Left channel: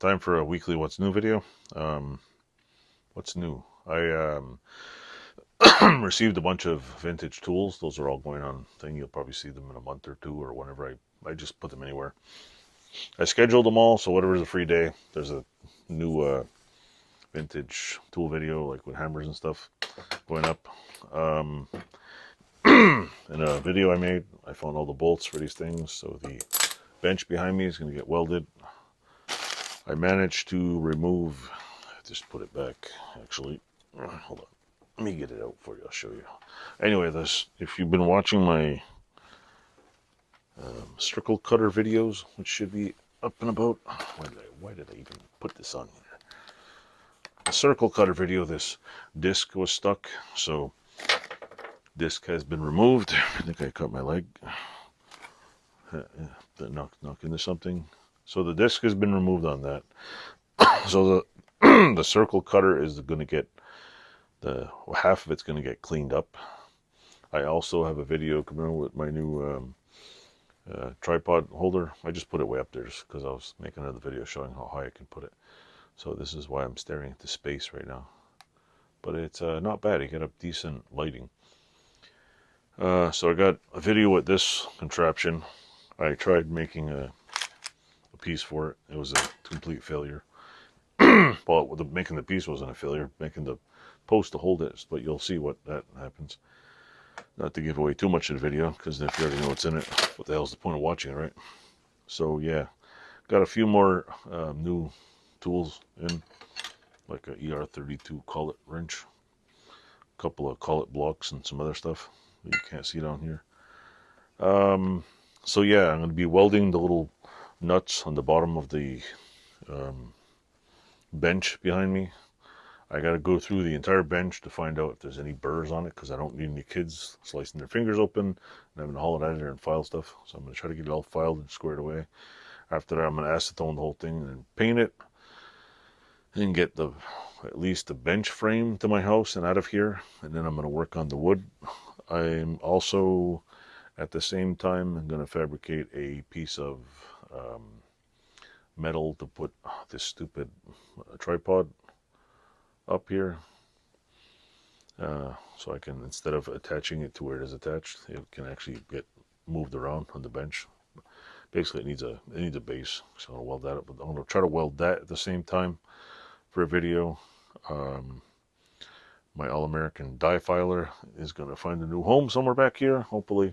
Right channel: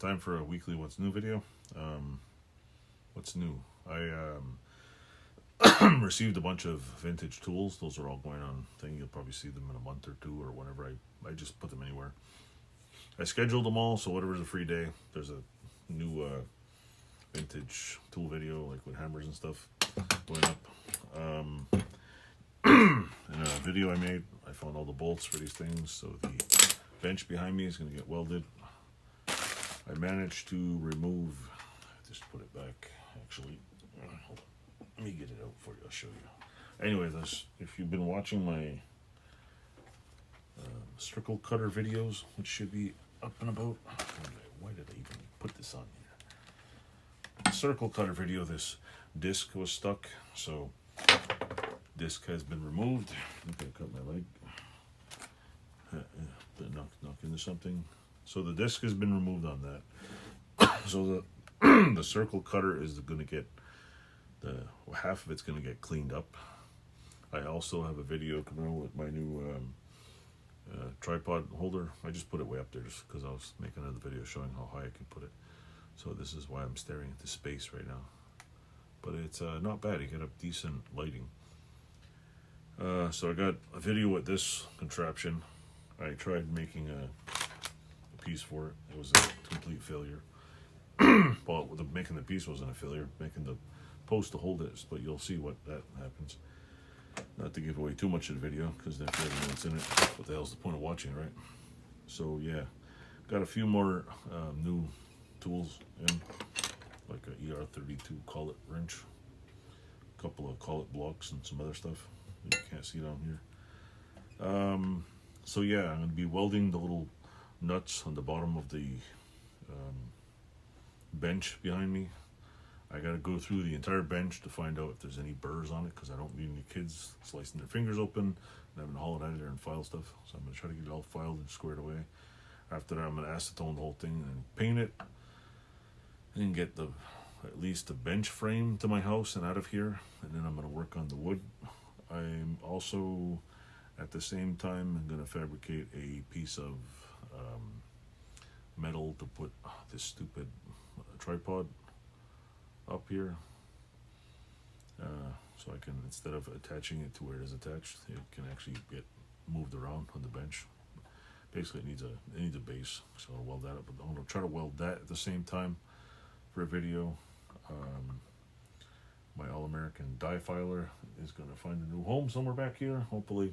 Time for a weekly What's New video. What's new? I received a bunch of vintage tools. Those are all going on thing. You'll probably see them in a month or two or whenever I just put them anywhere. I scheduled them all, so whatever's a free day, there's a new vintage tool video, like with hammers and stuff, going up. In a video I made, I found all the bolts for these things, so the bench behind me is going to get welded. I managed to remove, just put it back, actually, hold on, let me get it out for you, I'll show you. Anyway, if you've been watching my circle cutter videos, which should be up and about, why did I even put this on here? The circle cutter video, this disc was stuck, so disc has been removed. I think I cut my leg. Knock into something. So the disc has been removed on that. So the circle cutter is going to get half of it's going to get cleaned up. I also have a video coming out with my new tripod holder. I just put it way up there just because I was making another video showing how high I can put it. So this is why I'm staring at the space right now. But it's not bad. You get up decent lighting. So I got a video with this contraption. I tried making a piece for it. It was a complete failure. Well, making the piece wasn't a failure. Making the post to hold it, but you'll see what that happens. Not to give away too much of the video, because if you already know what's in it, what the hell's the point of watching it, right? So yeah, got a few more new tools in, like a ER32 collet wrench, a couple of collet blocks, and some other stuff that you can't see down here. So yeah, I'm going to be welding the little nuts on the bottom of the bench behind me. I got to go through the entire bench to find out if there's any burrs on it, because I don't need any kids slicing their fingers open and having to haul it out of there and file stuff. So I'm going to try to get it all filed and squared away. After that, I'm going to acetone the whole thing and then paint it and get at least the bench frame to my house and out of here. And then I'm going to work on the wood. I'm also, at the same time, going to fabricate a piece of metal to put this stupid tripod up here. So I can, instead of attaching it to where it is attached, it can actually get moved around on the bench. Basically, it needs a base, so I'll weld that up. I'm going to try to weld that at the same time for a video. My All-American die filer is going to find a new home somewhere back here, hopefully.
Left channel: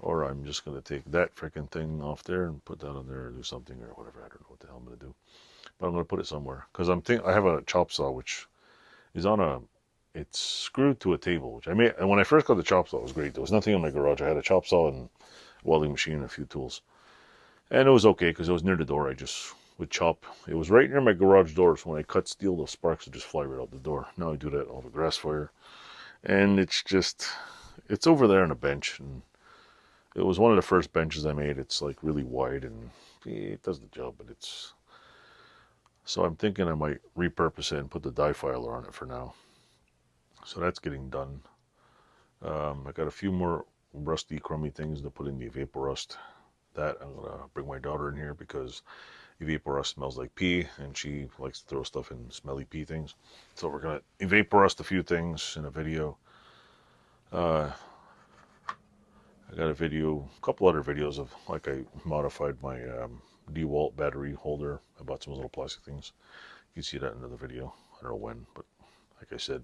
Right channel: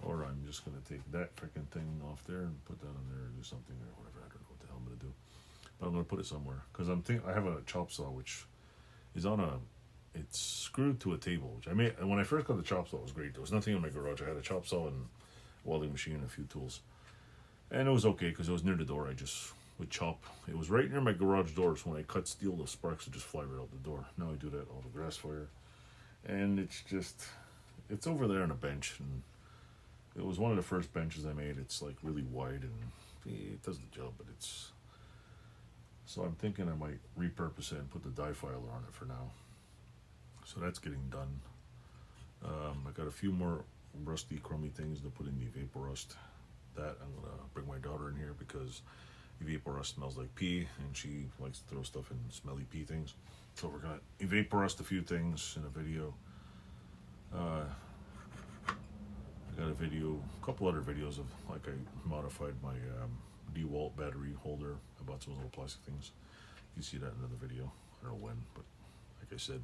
Or I'm just going to take that freaking thing off there and put that on there or do something or whatever. I don't know what the hell I'm going to do. But I'm going to put it somewhere. Because I have a chop saw which is it's screwed to a table. Which I made, and when I first got the chop saw, it was great. There was nothing in my garage. I had a chop saw and a welding machine and a few tools. And it was okay because it was near the door. I just would chop. It was right near my garage door, so when I cut steel, the sparks would just fly right out the door. Now I do that all the grass fire. And it's over there on a bench. And it was one of the first benches I made. It's like really wide and it does the job, but so I'm thinking I might repurpose it and put the die filer on it for now. So that's getting done. I got a few more rusty, crummy things to put in the vapor rust. That I'm going to bring my daughter in here because vapor rust smells like pee and she likes to throw stuff in smelly pee things. So we're going to vapor rust a few things in a video. I got a couple other videos of like I modified my DeWalt battery holder. I bought some little plastic things. You can see that in another video. I don't know when, but like I said,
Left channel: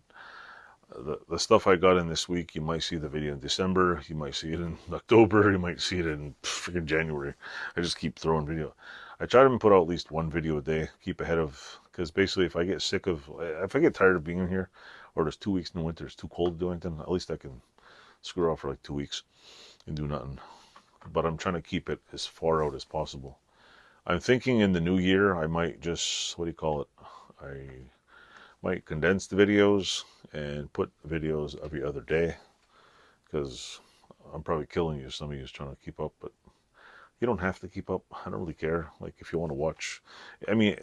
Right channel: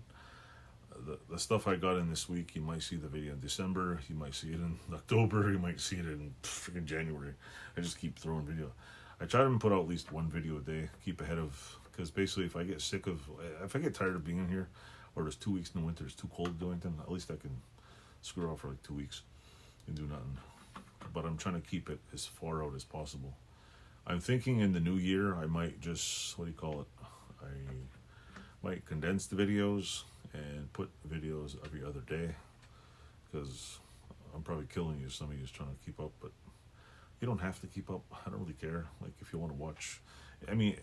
the stuff I got in this week, you might see the video in December, you might see it in October, you might see it in freaking January. I just keep throwing video. I try to put out at least one video a day, keep ahead of, because basically if I get tired of being in here, or there's 2 weeks in the winter, it's too cold to do anything, at least I can screw off for like 2 weeks and do nothing. But I'm trying to keep it as far out as possible. I'm thinking in the new year, I might just, I might condense the videos and put videos every other day, because I'm probably killing you, some of you is trying to keep up, but you don't have to keep up. I don't really care. Like, if you want to watch, I mean,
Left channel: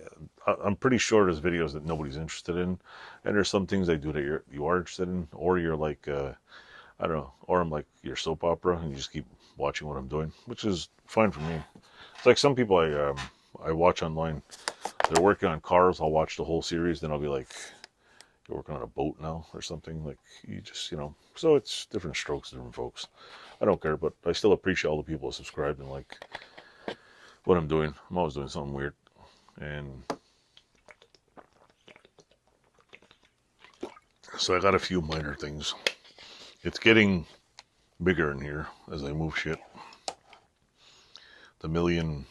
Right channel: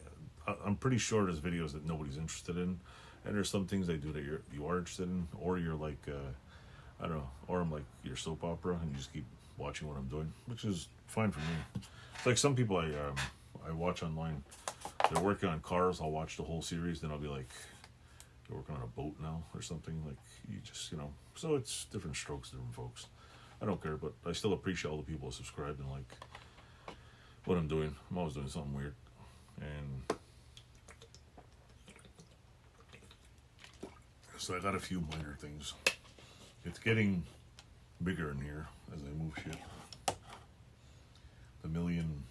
I'm pretty sure there's videos that nobody's interested in, and there's some things I do that you are interested in, or you're like, I don't know, or I'm like your soap opera, and you just keep watching what I'm doing, which is fine for me. It's like some people I watch online, they're working on cars, I'll watch the whole series. Then I'll be like, you're working on a boat now or something. Like, you just, you know. So it's different strokes, different folks. I don't care, but I still appreciate all the people who subscribe and like what I'm doing. I'm always doing something weird. And so I got a few minor things. It's getting bigger in here as I move shit. The million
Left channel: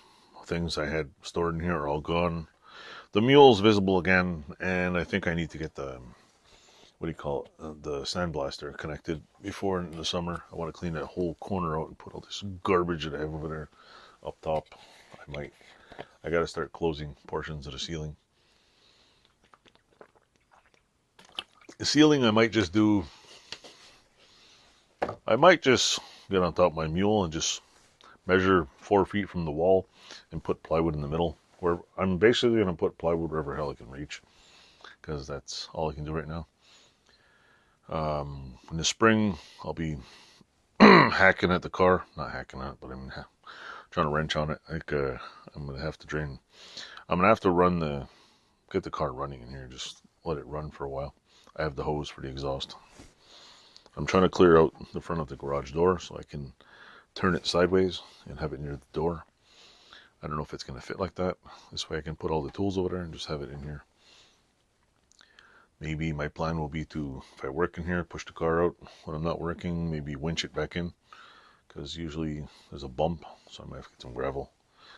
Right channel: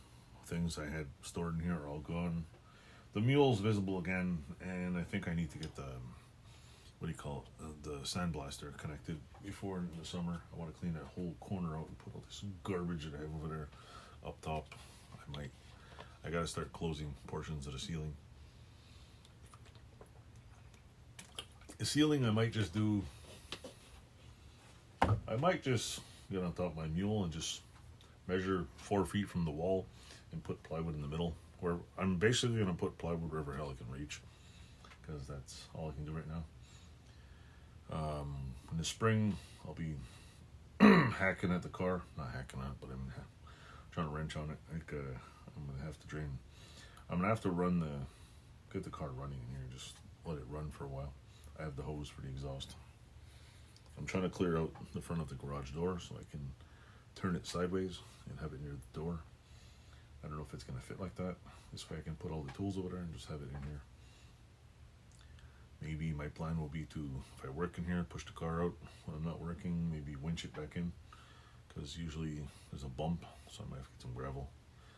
things I had stored in here are all gone. The mule's visible again, and I think I need to get the, what do you call it, the sandblaster connected before in the summer. I want to clean that whole corner out and put all this garbage that I have over there up top. I got to start closing portions of the ceiling. The ceiling I might just get on top of my mule and just measure 4 feet from the wall and put plywood in the middle. Where I'm basically going to put plywood wherever hell I can reach, because that's all I can do right now. In the spring, I'll be hacking at the car. Not hacking at it, but I'm trying to wrench on it. Like, I'm going to have to drain. I'm going to have to get the car running in here. Just let it run for a while. I have the hose for the exhaust. I'm trying to clear out the front of the garage door so I can turn it sideways and have it near the door. I don't know if it's going to fit like that. This way I can put all the tools over there and just have it in here. Maybe my plan will be to, if I work in here, push the car out. When I'm not working, maybe winch it back in, because usually there's a bump, so I might have to get some gravel.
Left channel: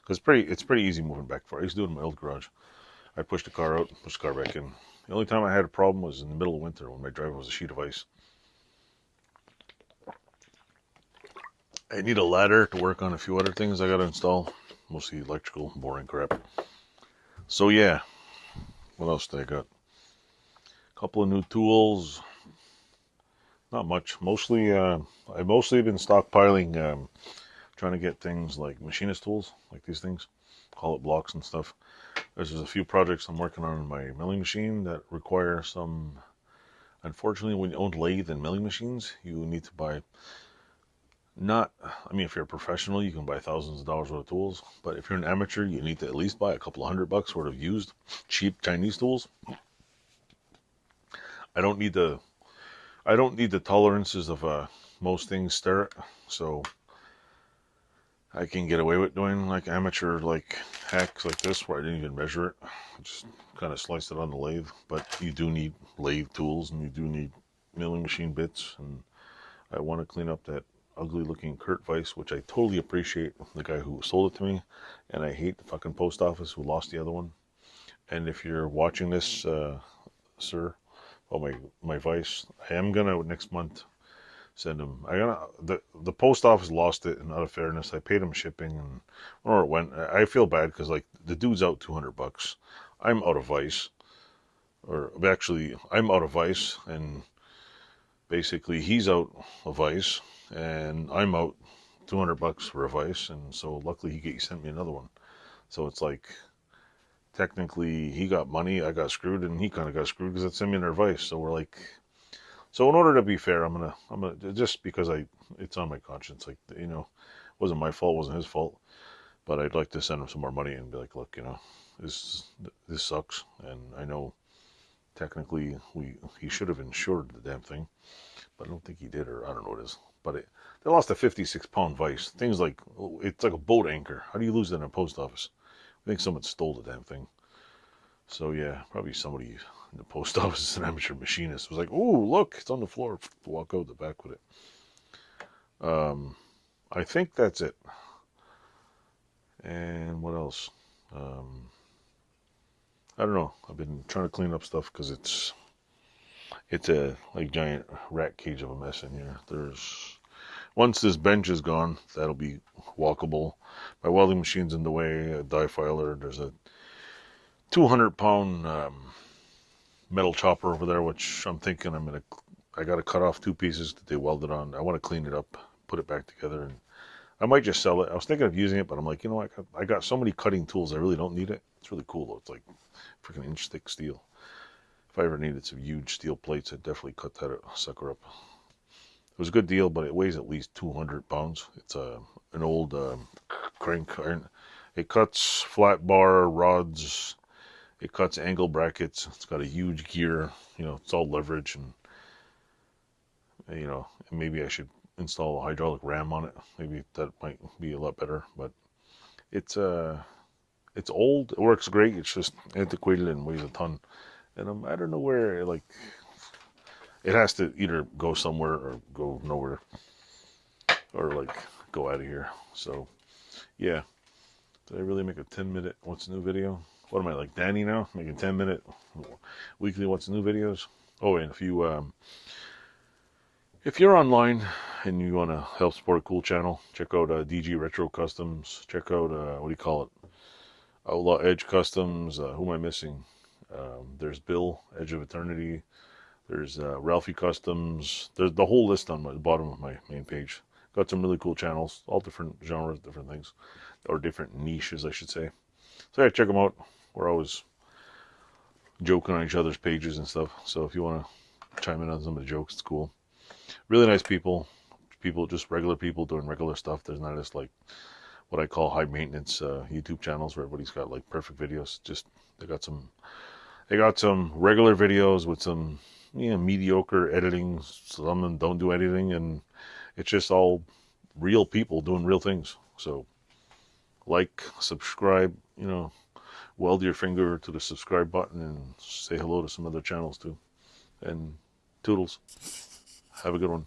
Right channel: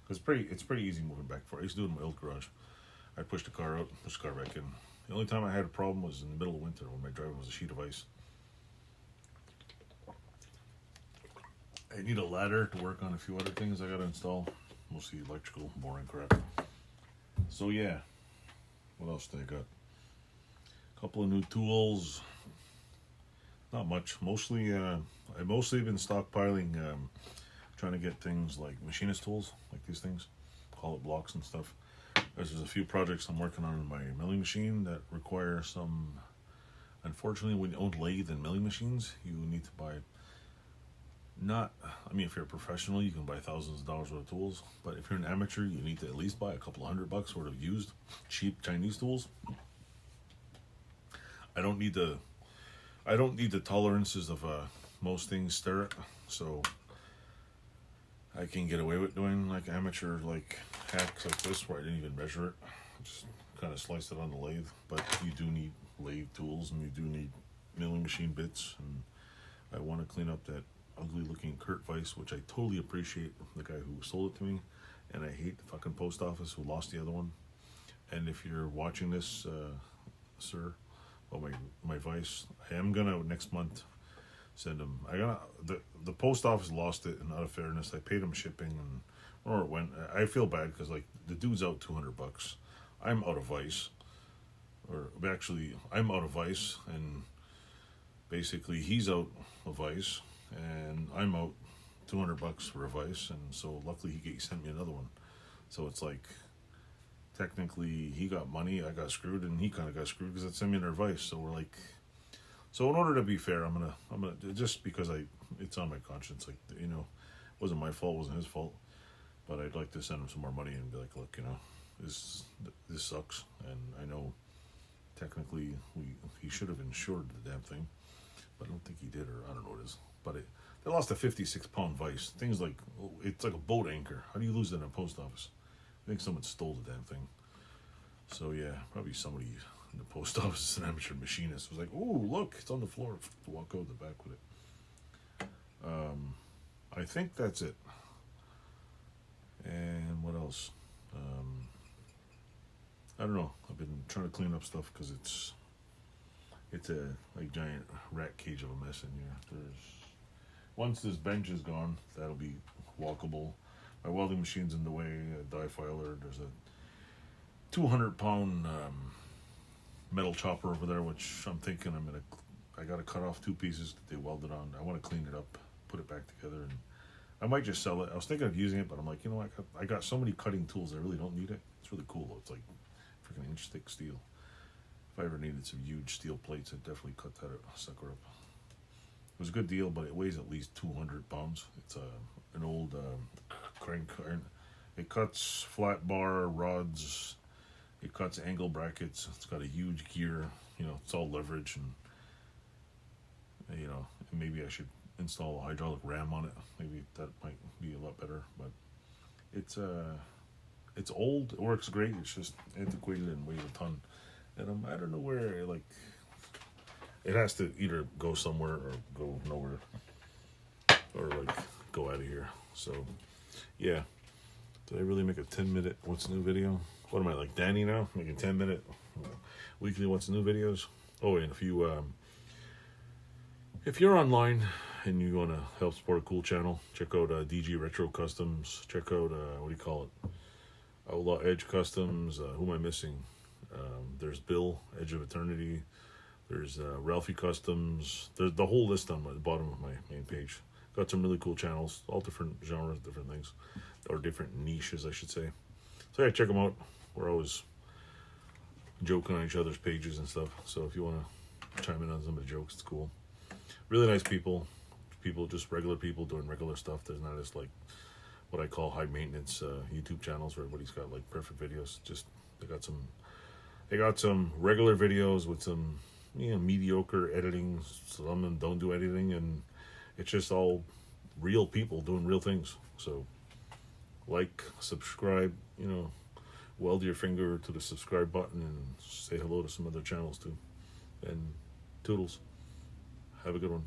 Because it's pretty easy moving back and forth. I used to do it in my old garage. I'd push the car out, push the car back in. The only time I had a problem was in the middle of winter when my driveway was a sheet of ice. I need a ladder to work on a few other things I got to install. Mostly electrical, boring crap. So yeah, what else did I got? A couple of new tools. Not much. I've mostly been stockpiling, trying to get things like machinist tools, like these things, hollow blocks and stuff. There's just a few projects I'm working on my milling machine that require some. Unfortunately, when you own lathe and milling machines, you need to buy. If you're a professional, you can buy thousands of dollars worth of tools. But if you're an amateur, you need to at least buy a couple of $100 worth of used, cheap Chinese tools. I don't need the tolerances of most things stir, so I can get away with doing like amateur like hacks like this where I didn't even measure it. I just kind of sliced it on the lathe. But you do need lathe tools and you do need milling machine bits, and I want to clean up that ugly looking Kurt Weiss, which I totally appreciate the guy who sold it to me, and I hate the fucking post office who lost the other one. And if you're watching this, sir, my Weiss, I am gonna next month send him. The post office lost it, and out of fairness, I paid him shipping, and where it went, I feel bad because like the dude's out $200. I'm out of Weiss, or actually I'm out of Weiss, and basically he's out of Weiss, and I'm out $200 for a Weiss, and so luckily he sent me another one. So it's like technically he got money, I got screwed, and he kind of got screwed because it sent me another Weiss. So we're like, so in order to be fair, I'm gonna just because it's on my conscience, like, you know, wasn't my fault, wasn't his fault, but I'd like to send him some more money and be like, look, you know, this sucks, and I know technically he should have insured the damn thing, but I don't think he did, or I don't know what it is. But they lost a 56-pound Weiss. Things like, it's like a boat anchor. How do you lose that in a post office? I think someone stole the damn thing. So yeah, probably somebody in the post office, an amateur machinist, was like, "Ooh, look, it's on the floor." Walk out the back with it. I think that's it. And what else? I don't know. I've been trying to clean up stuff because it's a like giant rat cage of a mess in here. Once this bench is gone, that'll be walkable. My welding machine's in the way, a die filer. There's a 200-pound metal chopper over there, which I'm thinking I got to cut off 2 pieces that they welded on. I want to clean it up, put it back together, and I might just sell it. I was thinking of using it, but I'm like, you know, I got so many cutting tools, I really don't need it. It's really cool though. It's like freaking inch thick steel. If I ever needed some huge steel plates, I'd definitely cut that sucker up. It was a good deal, but it weighs at least 200 pounds. It's an old crank iron. It cuts flat bar rods It cuts angle brackets. It's got a huge gear. You know, it's all leverage, and you know, maybe I should install a hydraulic ram on it. Maybe that might be a lot better. But it's it's old. It works great. It's just antiquated and weighs a ton. And I don't know where. Like, it has to either go somewhere or go nowhere, or like go out of here. So yeah. Did I really make a 10-minute what's new video? What am I, like Danny now? Making 10-minute weekly what's new videos? Oh, and if you're online and you want to help support a cool channel, check out DG Retro Customs. Check out what do you call it? Outlaw Edge Customs. Who am I missing? There's Bill Edge of Eternity. There's Ralphie Customs. There's the whole list on the bottom of my main page. Got some really cool channels, all different genres, different things, or different niches, I should say. So yeah, check them out. We're always joking on each other's pages and stuff. So if you want to chime in on some of the jokes, it's cool. Really nice people. People, just regular people doing regular stuff. There's not just like what I call high maintenance YouTube channels where everybody's got like perfect videos. Just they got some regular videos with some mediocre editing. Some of them don't do editing, and it's just all real people doing real things. So like, subscribe, weld your finger to the subscribe button and say hello to some other channels too. And toodles. Have a good one.